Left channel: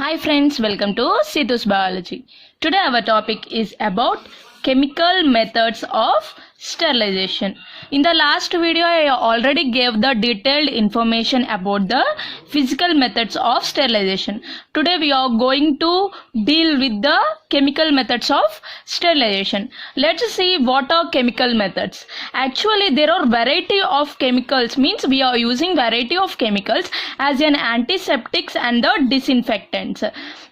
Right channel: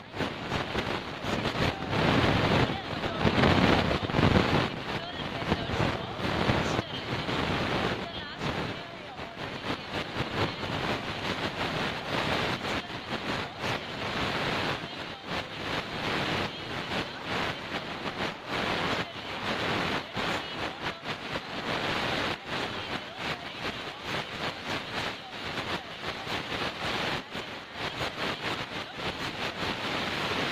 Hi friends, welcome to Situ's Biology. Today our topic is about chemical methods of sterilization. In the last video I already gave the detailed information about the physical methods of sterilization. Today we are going to deal with the chemical methods of sterilization. Let's see what are chemical methods. Actually there are variety of chemicals, means we are using variety of chemicals as an antiseptics and the disinfectants.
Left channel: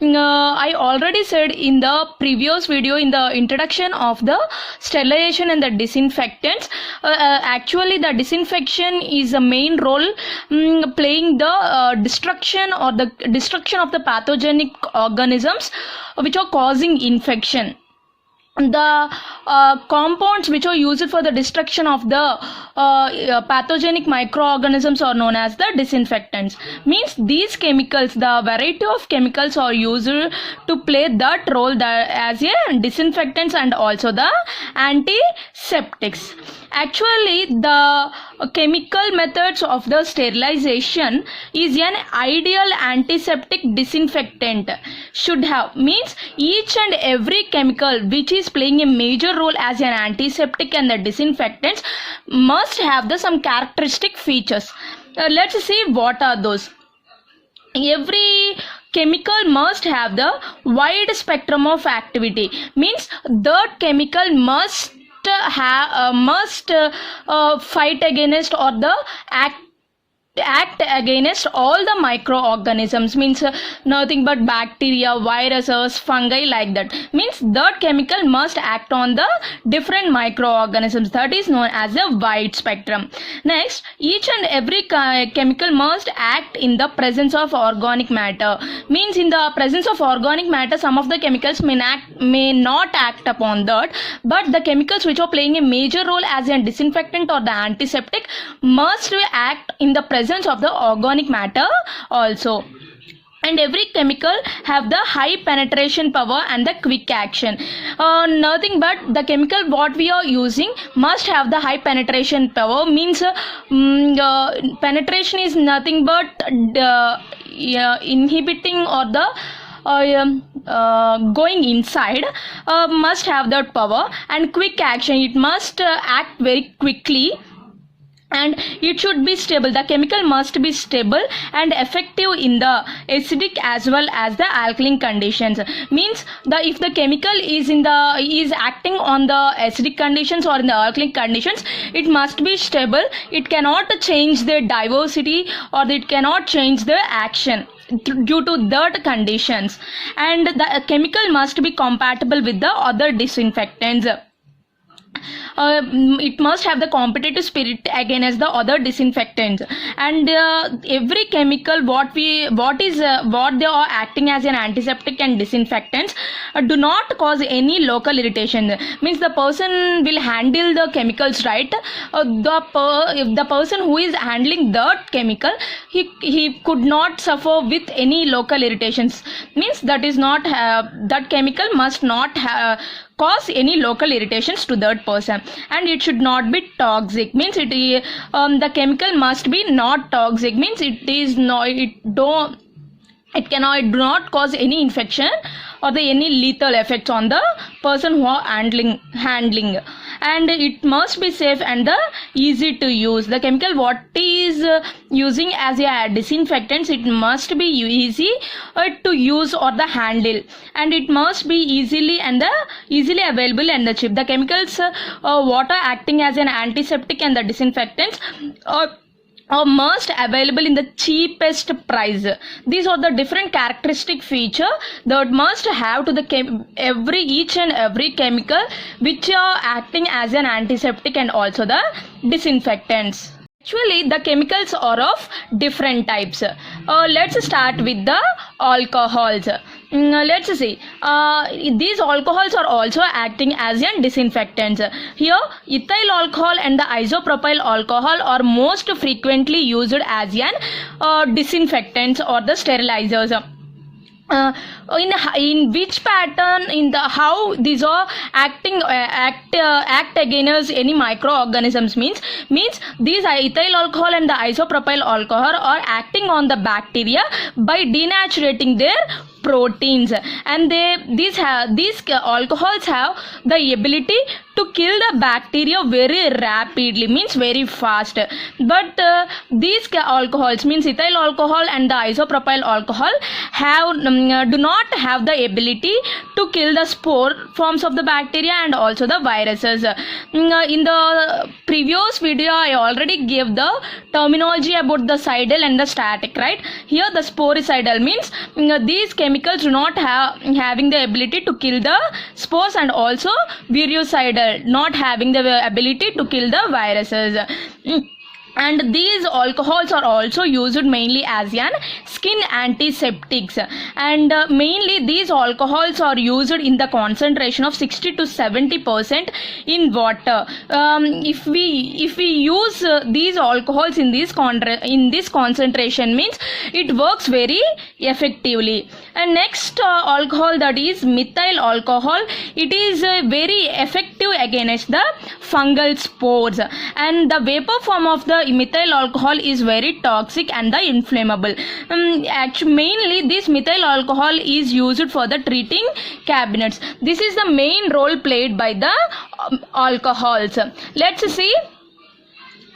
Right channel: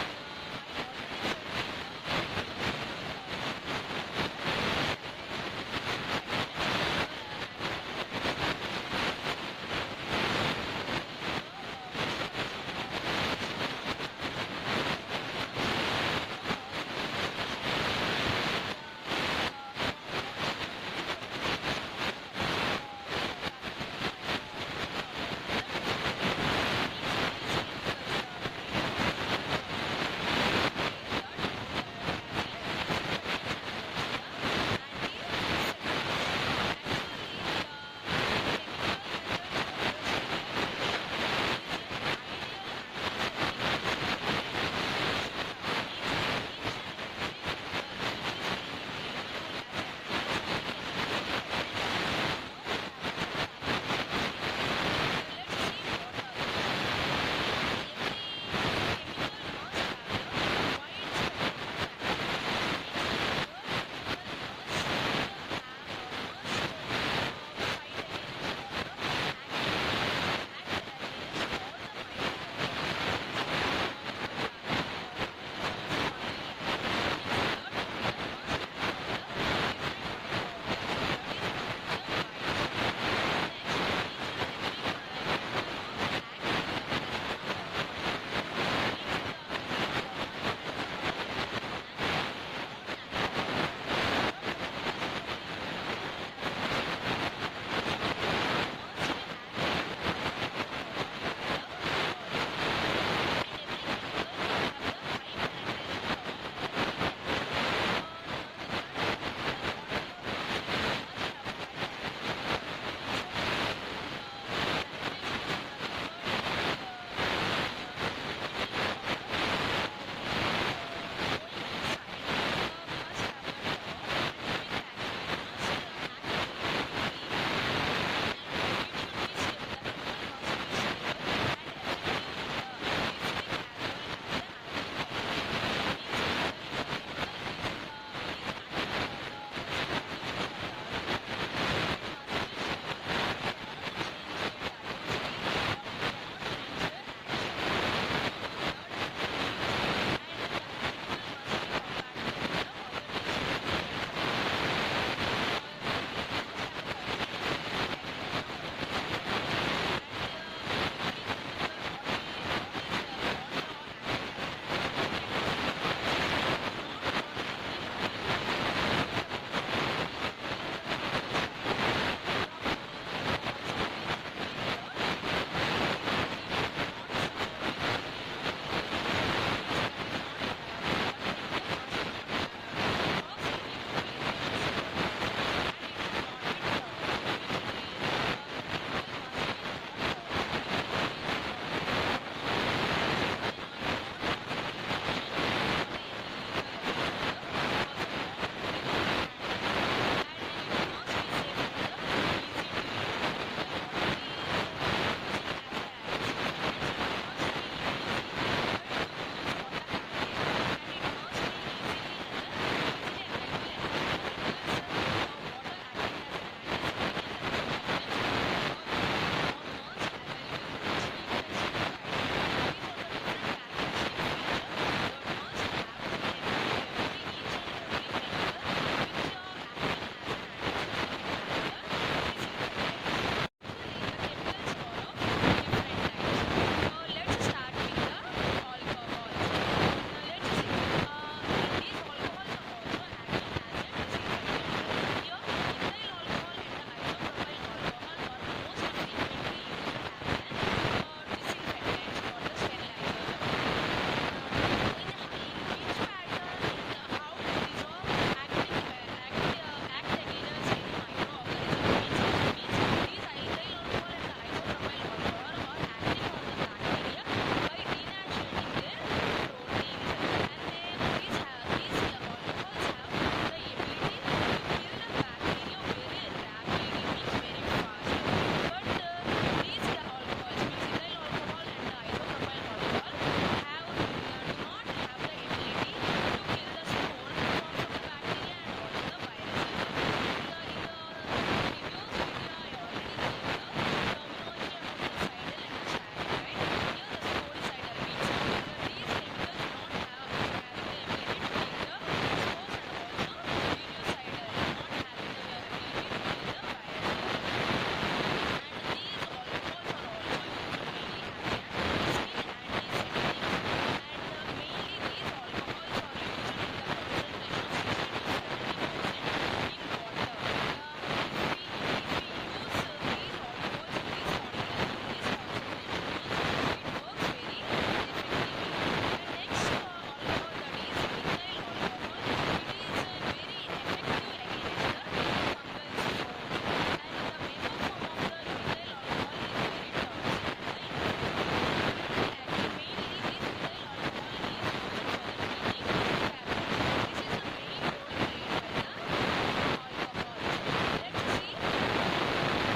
I already said in the previous video in the introduction of the sterilization and the disinfectants, actually the disinfection is a main role playing the destruction of the pathogenic organisms which are causing infection. The compounds which are used for the destruction of the pathogenic microorganisms are known as the disinfectants. Means these chemicals, the variety of chemicals are used to play that role as a disinfectants and also the antiseptics. Actually the chemical methods of the sterilization is an ideal antiseptic disinfectant should have, means each and every chemical which is playing a major role as an antiseptic and the disinfectants must have the some characteristic features. Let's see what are those. Every chemical must have the wide spectrum of activity, means that chemical must fight against or the act against all the microorganisms, means nothing but bacteria, viruses, fungi, like that. Means that chemical must act on the different microorganisms, that is known as a wide spectrum. Next, each and every chemical must act in the presence of organic matter, means in the presence of organic matter some of the chemicals may not act upon that, but the chemicals which are playing a major role as a disinfectant or the antiseptic must act in the presence of the organic matter also. And every chemical have the high penetration power and the quick action. Nothing but the chemical what we are using must have the high penetration power, means penetration is nothing but inhibiting or the going inside, must have that power, and quick action, it must act very quickly, and it should be stable. The chemical must be stable and effective in the acidic as well as the alkaline conditions. Means if the chemical is acting on the acidic conditions or in the alkaline conditions, it must be stable. It cannot change the diversity or it cannot change the action due to that conditions, and the chemical must be compatible with the other disinfectants. It must have the competitive spirit against the other disinfectants, and every chemical what they are acting as an antiseptic and disinfectants do not cause any local irritation. Means the person will handle the chemicals right. If the person who is handling that chemical, he could not suffer with any local irritations. Means that is not that chemical must not cause any local irritations to that person, and it should not be toxic. Means the chemical must be not toxic, means it do not cause any infection or any lethal effects on the person who are handling, and it must be safe and easy to use. The chemical what is using as a disinfectant, it must be easy to use or the handle, and it must be easily available and the cheap. The chemicals what are acting as an antiseptic and the disinfectants are must available in the cheapest price. These are the different characteristic feature that must have to the each and every chemical which are acting as an antiseptic and also the disinfectants. Actually the chemicals are of different types. Let's start with the alcohols. Let's see, these alcohols are also acting as an disinfectants. Here ethyl alcohol and the isopropyl alcohol are most frequently used as an disinfectants or the sterilizers. uh, in which pattern in the how these are act against any microorganisms means these ethyl alcohol and the isopropyl alcohol are acting on the bacteria by denaturating their proteins, and these alcohols have the ability to kill the bacteria very rapidly, means very fast. But these alcohols means ethyl alcohol and the isopropyl alcohol have do not have the ability to kill the spore forms of the bacteria and also the viruses. In the previous video I already gave the terminology about the cidal and the static, right? Here the sporicidal means these chemicals do not having the ability to kill the spores, and also virucidal not having the ability to kill the viruses. And these alcohols are also used mainly as an skin antiseptics, and mainly these alcohols are used in the concentration of 60 to 70% in water. If we use these alcohols in this concentration means it works very effectively. And next alcohol, that is methyl alcohol. It is very effective against the fungal spores, and the vapor form of the methyl alcohol is very toxic and the inflammable. Actually, mainly this methyl alcohol is used for the treating cabinets. This is the main role played by the alcohols. Let's see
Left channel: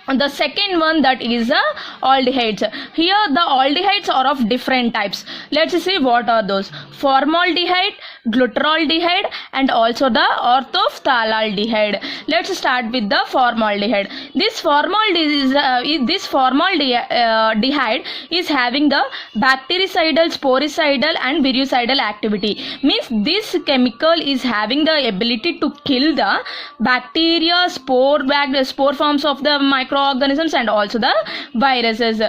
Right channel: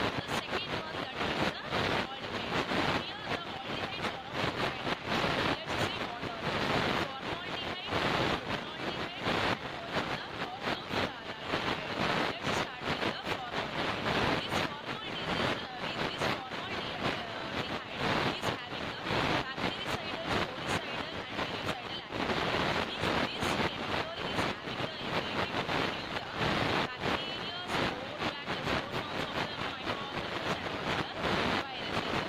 the second one, that is the aldehydes. Here the aldehydes are of different types. Let's see what are those: formaldehyde, glutaraldehyde, and also the orthophthalaldehyde. Let's start with the formaldehyde. This formaldehyde is having the bactericidal, sporicidal, and virucidal activity. Means this chemical is having the ability to kill the bacteria, spore forms of the microorganisms, and also the viruses.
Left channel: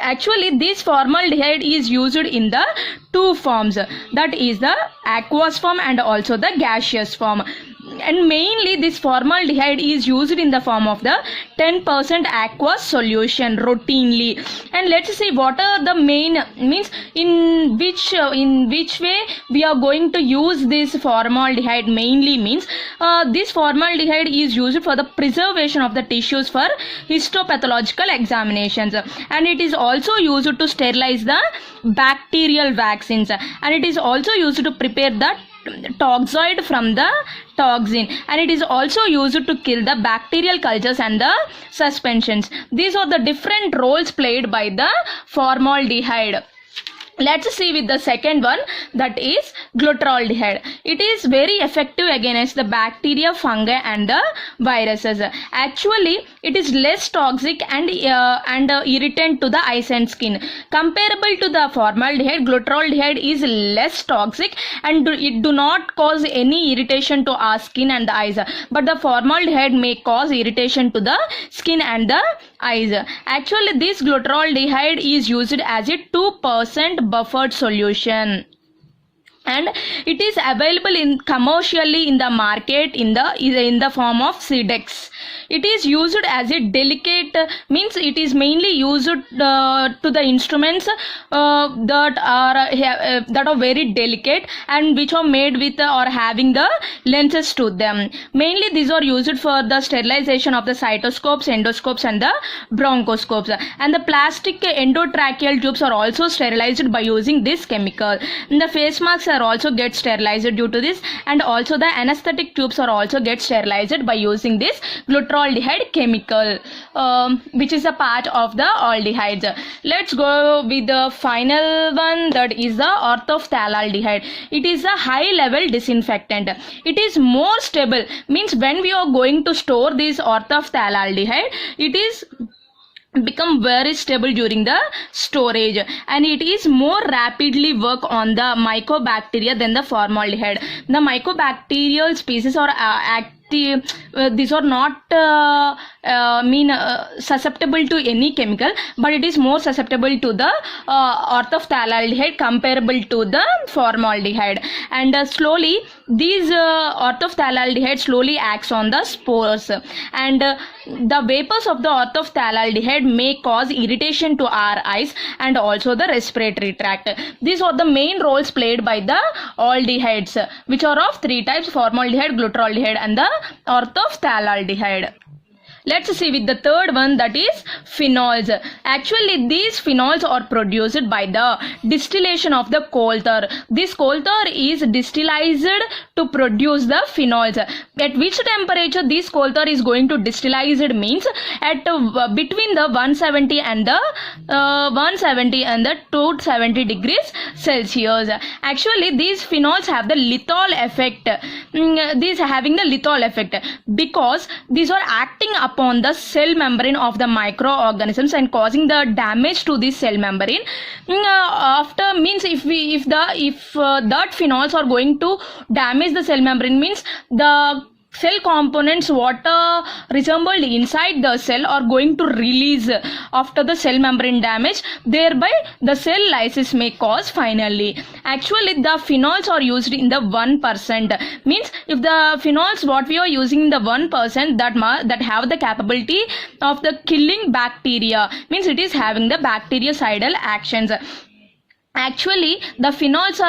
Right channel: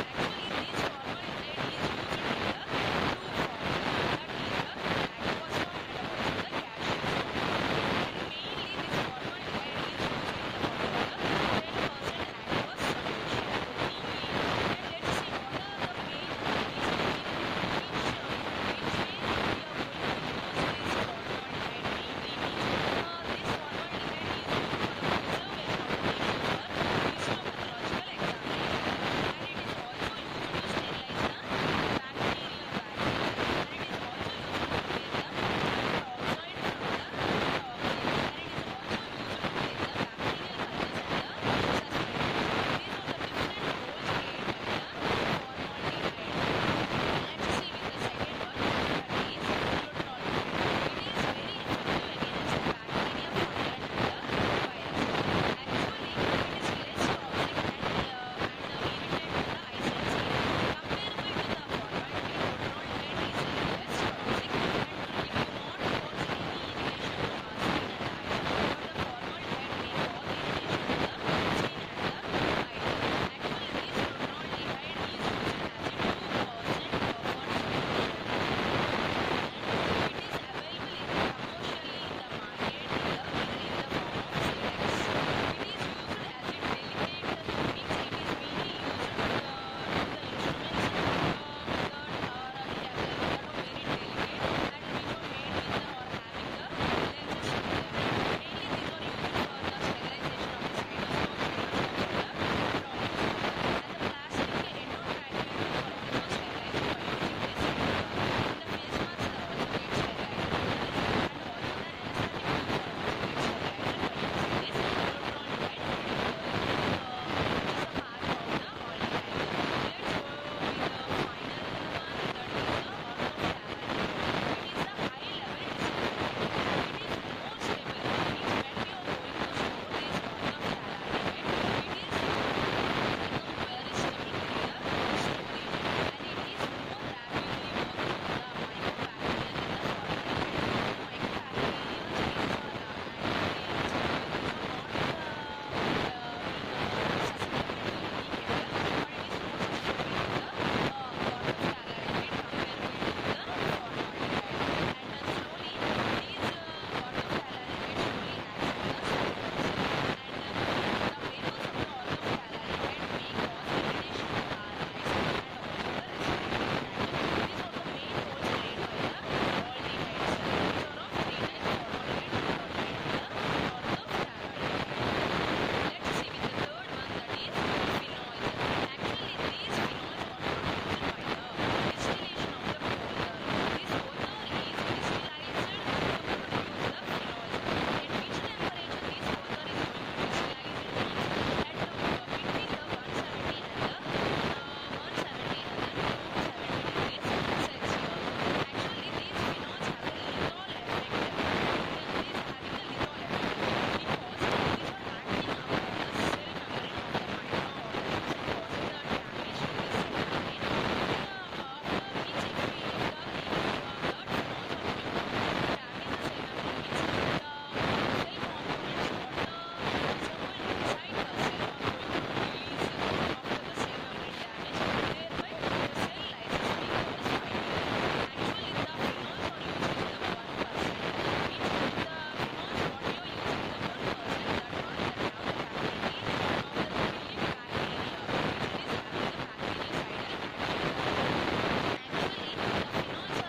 Actually, this formaldehyde is used in the two forms, that is the aqueous form and also the gaseous form. And mainly this formaldehyde is used in the form of the 10% aqueous solution routinely. And let's see what are the main means in which way we are going to use this formaldehyde. Mainly means this formaldehyde is used for the preservation of the tissues for histopathological examinations, and it is also used to sterilize the bacterial vaccines, and it is also used to prepare the toxoid from the toxin, and it is also used to kill the bacterial cultures and the suspensions. These are the different roles played by the formaldehyde. Let's see with the second one, that is glutaraldehyde. It is very effective against the bacteria, fungi, and the viruses. Actually, it is less toxic and irritant to the eyes and skin. Comparable to the formaldehyde, glutaraldehyde is less toxic and it do not cause any irritation to our skin and the eyes. But the formaldehyde may cause irritation to the skin and the eyes. Actually, this glutaraldehyde is used as a 2% buffered solution, and it is available in commercially in the market in the form of Sedex. It is used as a delicate, means it is mainly used to the instruments that are very delicate and which are made with or having the lenses to them. Mainly these are used for the sterilization of the cystoscopes, endoscopes, and the bronchoscopes. And the plastic endotracheal tubes are also sterilized by using this chemical. And the face masks are also get sterilized due to this, and also the anesthetic tubes are also get sterilized by using this glutaraldehyde chemical, which is a part of the aldehydes. Let's go with the final one, that is the orthophthalaldehyde. It is a high level disinfectant. It is more stable, means when we are going to store this orthophthalaldehyde, it is become very stable during the storage, and it is more rapidly work on the mycobacteria than the formaldehyde. The mycobacterial species are these are not susceptible to any chemical, but it is more susceptible to the orthophthalate comparable to the formaldehyde. And slowly these orthophthalate slowly acts on the spores, and the vapors of the orthophthalate may cause irritation to our eyes and also the respiratory tract. These are the main roles played by the aldehydes, which are of three types: formaldehyde, glutaraldehyde and the orthophthalate. Let's see with the third one, that is phenols. Actually these phenols are produced by the distillation of the coal tar. This coal tar is distillized to produce the phenols. At which temperature this coal tar is going to distillized means at between the 170 and the 270 degrees Celsius. Actually these phenols have the lethal effect. These having the lethal effect because these are acting upon the cell membrane of the microorganisms and causing the damage to this cell membrane. After means if that phenols are going to damage the cell membrane, means the cell components what resembled inside the cell are going to release after the cell membrane damage, thereby the cell lysis may cause finally. Actually the phenols are used in the 1%, means if the phenols what we are using in the 1% that have the capability of the killing bacteria, means it is having the bactericidal actions. Actually the phenols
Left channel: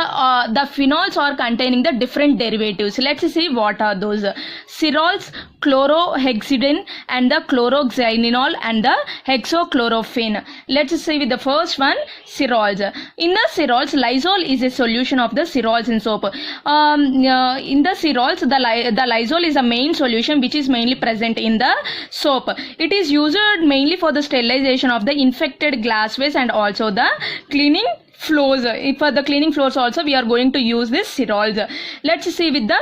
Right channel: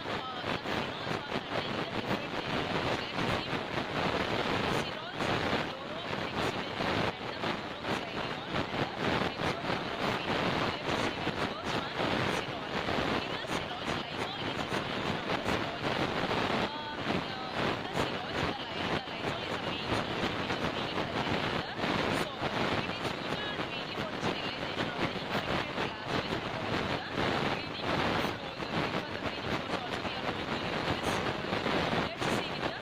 are containing the different derivatives. Let's see what are those. Cerols, chlorohexidine and the chloroxylenol and the hexachlorophene. Let's see with the first one, cerols. In the cerols, lysol is a solution of the cerols in soap. In the cerols, the lysol is a main solution which is mainly present in the soap. It is used mainly for the sterilization of the infected glasswares and also the cleaning floors. For the cleaning floors also we are going to use this cerols. Let's see with the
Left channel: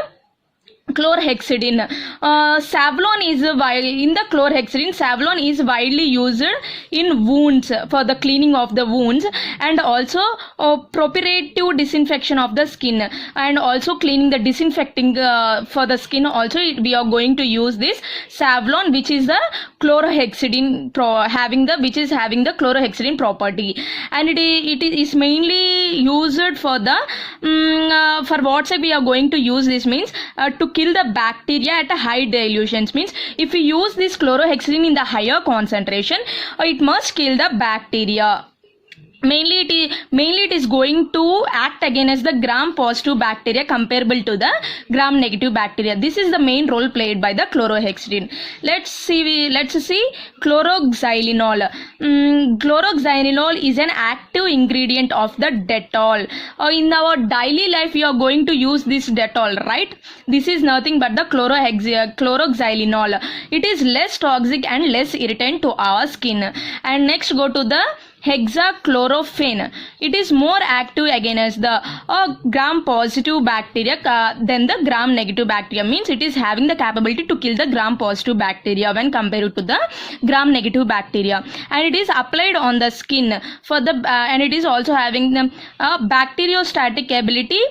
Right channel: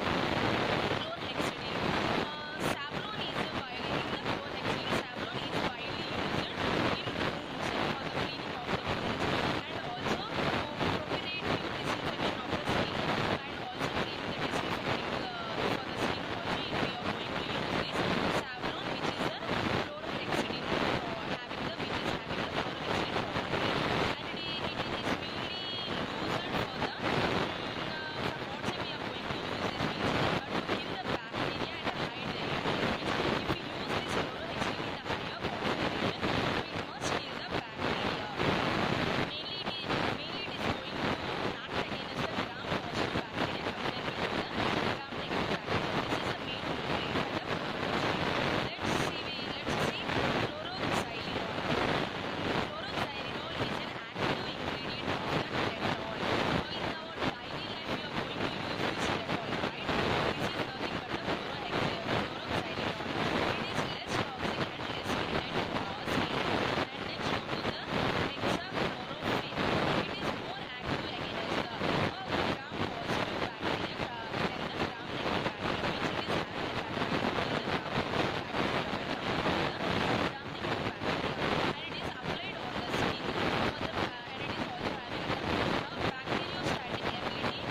chlorhexidine. Savlon is in the chlorhexidine, Savlon is widely used in wounds for the cleaning of the wounds and also preparative disinfection of the skin and also cleaning the disinfecting for the skin. Also we are going to use this Savlon, which is the chlorhexidine having the chlorhexidine property, and it is mainly used for the for what say we are going to use this means to kill the bacteria at a high dilutions. Means if we use this chlorohexidine in the higher concentration, it must kill the bacteria. Mainly it is going to act against the gram positive bacteria comparable to the gram negative bacteria. This is the main role played by the chlorohexidine. Let's see chloroxylenol. Chloroxylenol is an active ingredient of the Dettol. In our daily life we are going to use this Dettol, right? This is nothing but the chloroxylenol. It is less toxic and less irritant to our skin. And next go to the hexachlorophene. It is more active against the gram positive bacteria than the gram negative bacteria. Means it is having the capability to kill the gram positive bacteria when compared to the gram negative bacteria, and it is applied on the skin for the and it is also having the bacteriostatic ability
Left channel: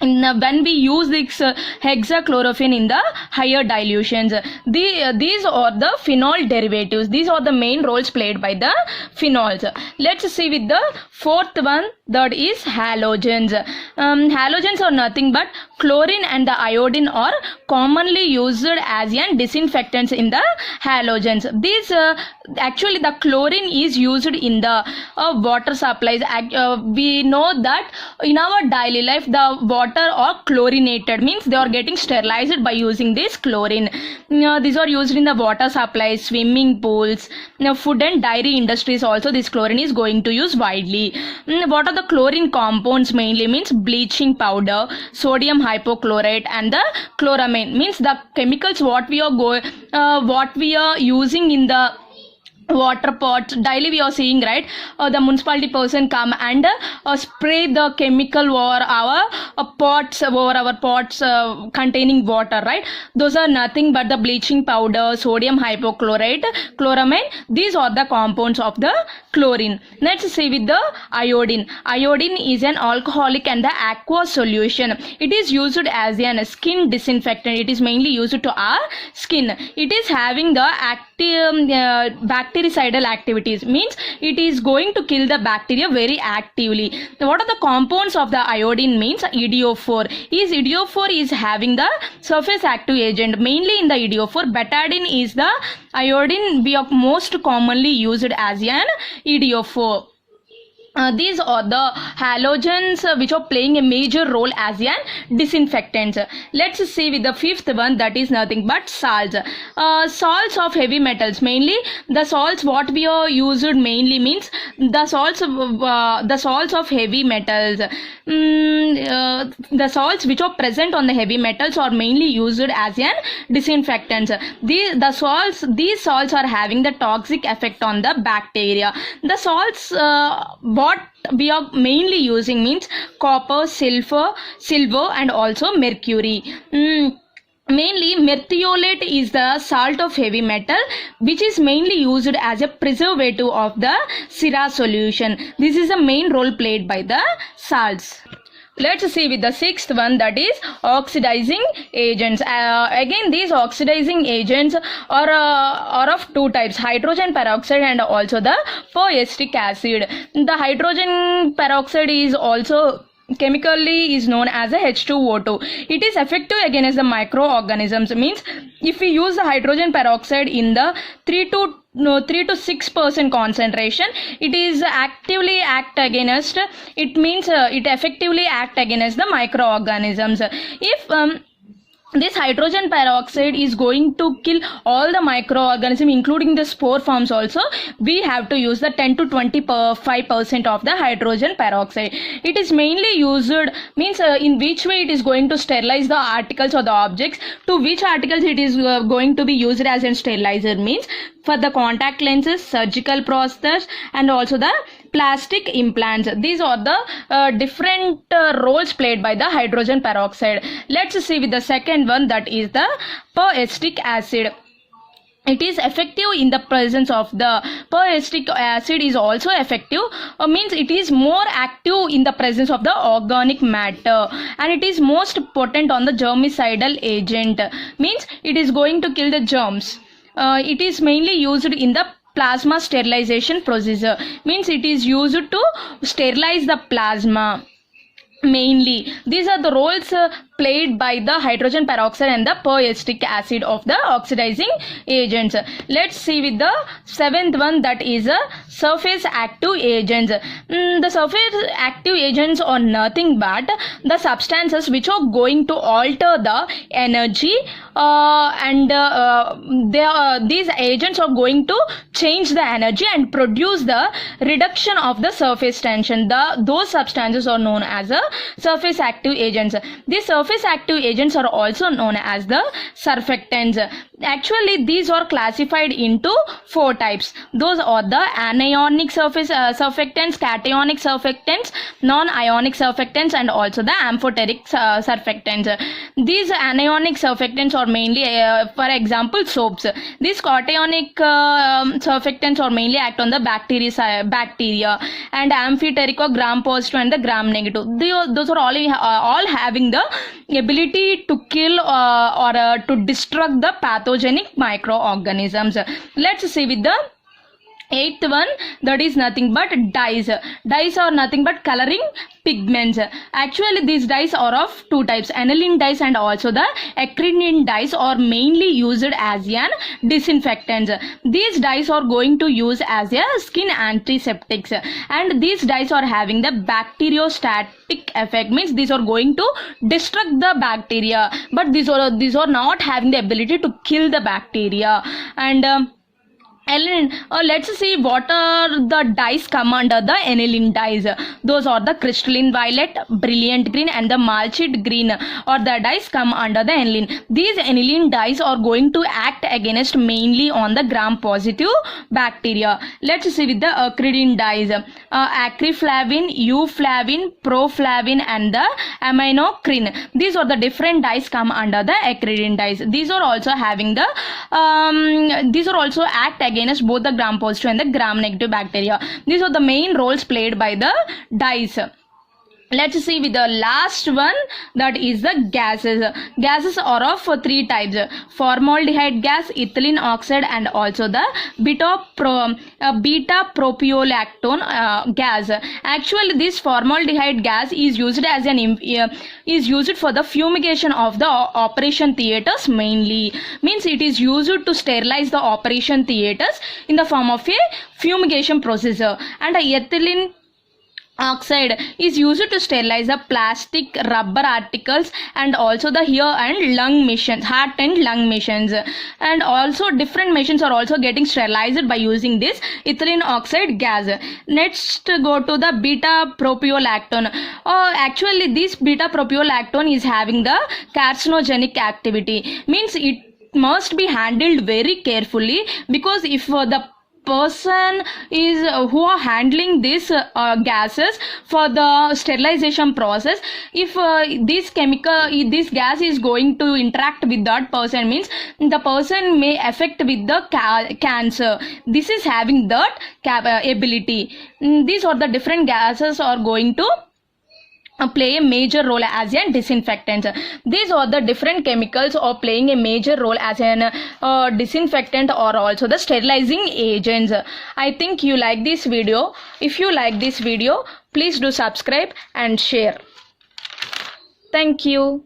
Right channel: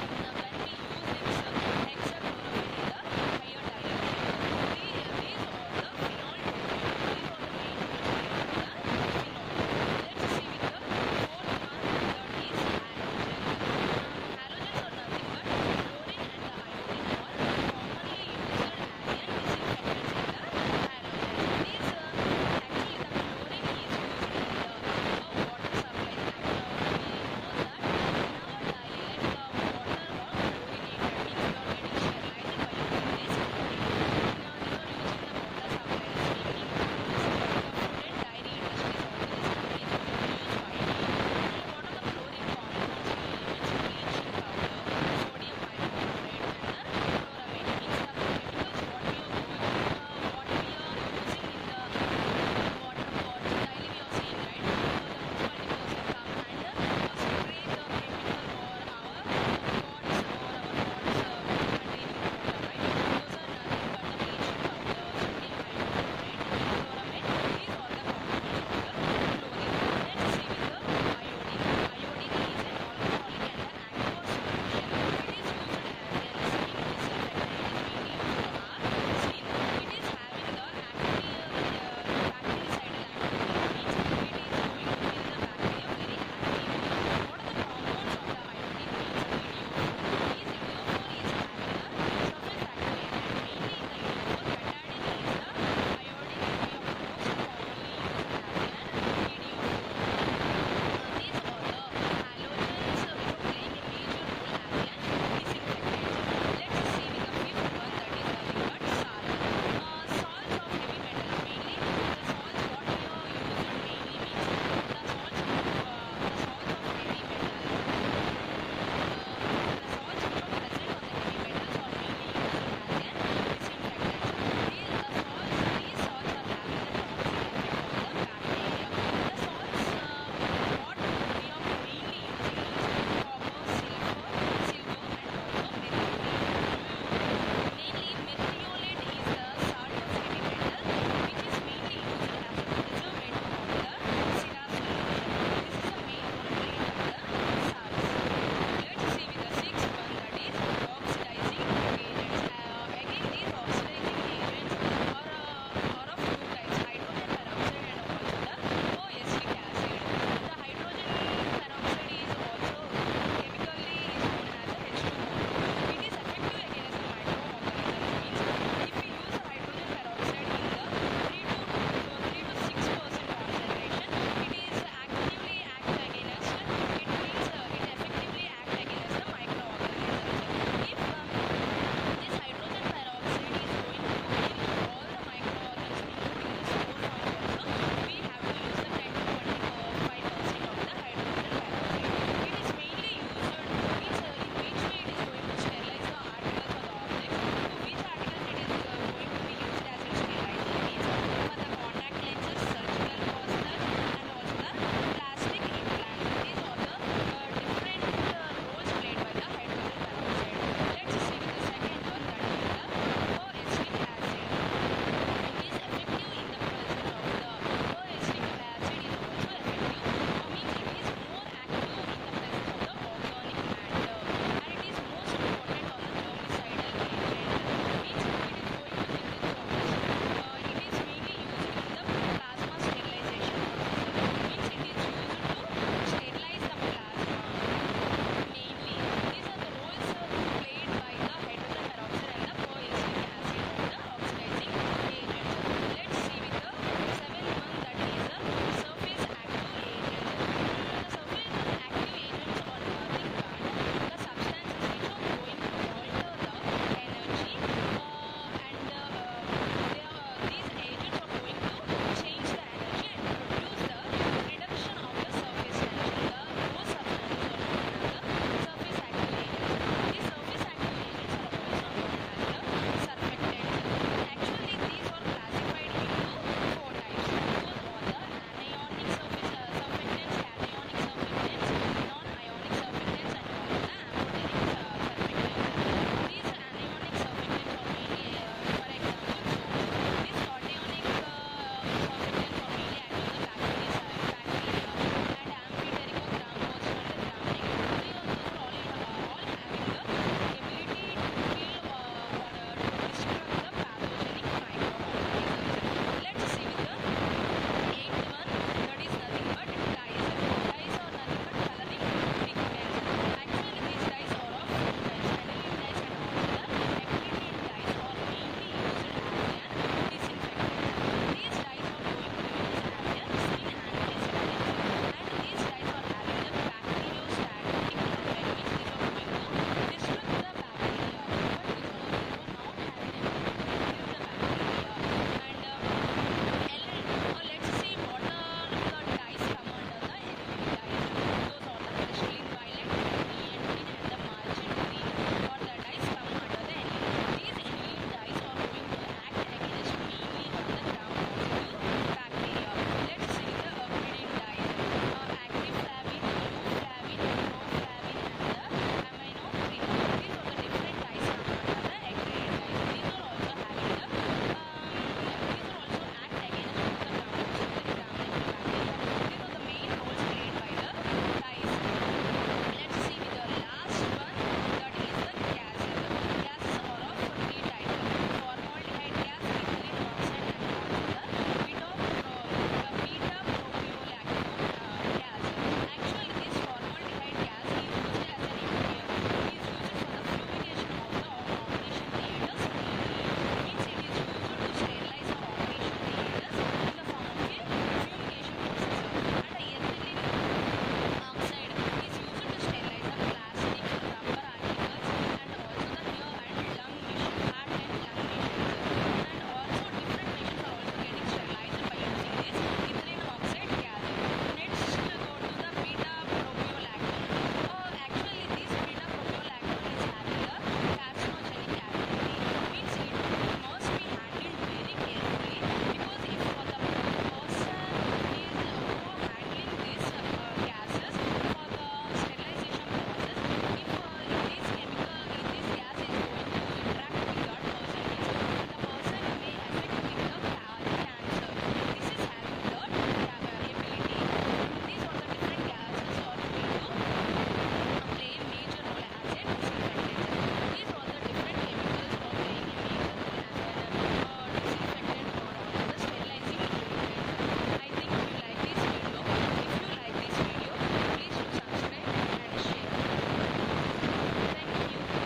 when we use this hexachlorophene in the higher dilutions. These are the phenol derivatives. These are the main roles played by the phenols. Let's see with the fourth one, that is halogens. Halogens are nothing but chlorine and the iodine are commonly used as disinfectants in the halogens. These actually the chlorine is used in the water supplies. We know that in our daily life the water are chlorinated, means they are getting sterilized by using this chlorine. These are used in the water supplies, swimming pools, food and dairy industries also this chlorine is going to use widely. What are the chlorine compounds? Mainly means bleaching powder, sodium hypochlorite and the chloramine. Means the chemicals what we are using in the water pots. Daily we are seeing, right, the municipality person come and spray the chemical over our pots, containing water, right? Those are nothing but the bleaching powder, sodium hypochlorite, chloramine. These are the compounds of the chlorine. Let's see with the iodine. Iodine is an alcoholic and the aqueous solution. It is used as a skin disinfectant. It is mainly used to our skin. It is having the active bactericidal activities, means it is going to kill the bacteria very actively. What are the compounds of the iodine? Means EDO4. EDO4 is having the surface active agent, mainly in the EDO4. Betadine is the iodine we are most commonly used as an EDO4. These are the halogens which are playing a major role as an disinfectant. Let's see with the fifth one, that is nothing but salts. Salts of heavy metals, mainly the salts what we are used mainly means the salts of heavy metals. The salts which are present on the heavy metals are mainly used as an disinfectants. These salts are having the toxic effect on the bacteria. The salts what we are mainly using means copper, silver and also mercury. Mainly merthiolate is the salt of heavy metal which is mainly used as a preservative of the Syrah solution. This is the main role played by the salts. Let's see with the sixth one, that is oxidizing agents. Again, these oxidizing agents are of two types, hydrogen peroxide and also the polyester acid. The hydrogen peroxide is also chemically is known as a H2O2. It is effective against the microorganisms, means if we use the hydrogen peroxide in the 3 to 6% concentration, it is actively act against, it means it effectively act against the microorganisms. If this hydrogen peroxide is going to kill all the microorganisms including the spore forms also, we have to use the 10 to 25% of the hydrogen peroxide. It is mainly used, means in which way it is going to sterilize the articles or the objects. To which articles it is going to be used as a sterilizer, means for the contact lenses, surgical prosthetics and also the plastic implants. These are the different roles played by the hydrogen peroxide. Let's see with the second one, that is the peractic acid. It is effective in the presence of the peractic acid is also effective, means it is more active in the presence of the organic matter, and it is most potent on the germicidal agent, means it is going to kill the germs. It is mainly used in the plasma sterilization procedure, means it is used to sterilize the plasma. Mainly these are the roles played by the hydrogen peroxide and the peractic acid of the oxidizing agents. Let's see with the seventh one, that is surface active agents. The surface active agents are nothing but the substances which are going to alter the energy and these agents are going to change the energy and produce the reduction of the surface tension. Those substances are known as the surface active agents. These surface active agents are also known as the surfactants. Actually, these are classified into 4 types. Those are the anionic surfactants, cationic surfactants, non-ionic surfactants and also the amphoteric surfactants. These anionic surfactants are mainly, for example, soaps. These cationic surfactants are mainly act on the bacteria, and amphoteric or gram positive and the gram negative. Those are all having the ability to kill or to destruct the pathogenic microorganisms. Let's see with the 8th one, that is nothing but dyes. Dyes are nothing but coloring pigments. Actually, these dyes are of 2 types, aniline dyes and also the acridine dyes are mainly used as an disinfectants. These dyes are going to use as a skin antiseptics, and these dyes are having the bacteriostatic effect, means these are going to destruct the bacteria, but these are not having the ability to kill the bacteria. And Aniline, let's see what are the dyes come under the aniline dyes. Those are the crystalline violet, brilliant green and the malachite green, or the dyes come under the aniline. These aniline dyes are going to act against mainly on the gram positive bacteria. Let's see with the acridine dyes. Acreflavin, euflavin, proflavin and the aminocrine. These are the different dyes come under the acridine dyes. These are also having the these are also act against both the gram positive and the gram negative bacteria. These are the main roles played by the dyes. Let's see with the last one, that is the gases. Gases are of three types: formaldehyde gas, ethylene oxide and also the beta propiolactone gas. Actually this formaldehyde gas is used as an is used for the fumigation of the operation theaters mainly. Means it is used to sterilize the operation theaters in the form of a fumigation process. And ethylene oxide is used to sterilize the plastic, rubber articles and also the ear and lung machines, heart and lung machines, and also different machines are also getting sterilized by using this ethylene oxide gas. Next go to the beta propiolactone. Actually this beta propiolactone is having the carcinogenic activity. Means it must be handled very carefully, because if the person is who are handling these gases for the sterilization process, if this gas is going to interact with that person, means the person may affect with the cancer. This is having that ability. These are the different gases are going to play a major role as a disinfectant. These are the different chemicals are playing a major role as an disinfectant or also the sterilizing agents. I think you like this video. If you like this video, please do subscribe and share. Thank you.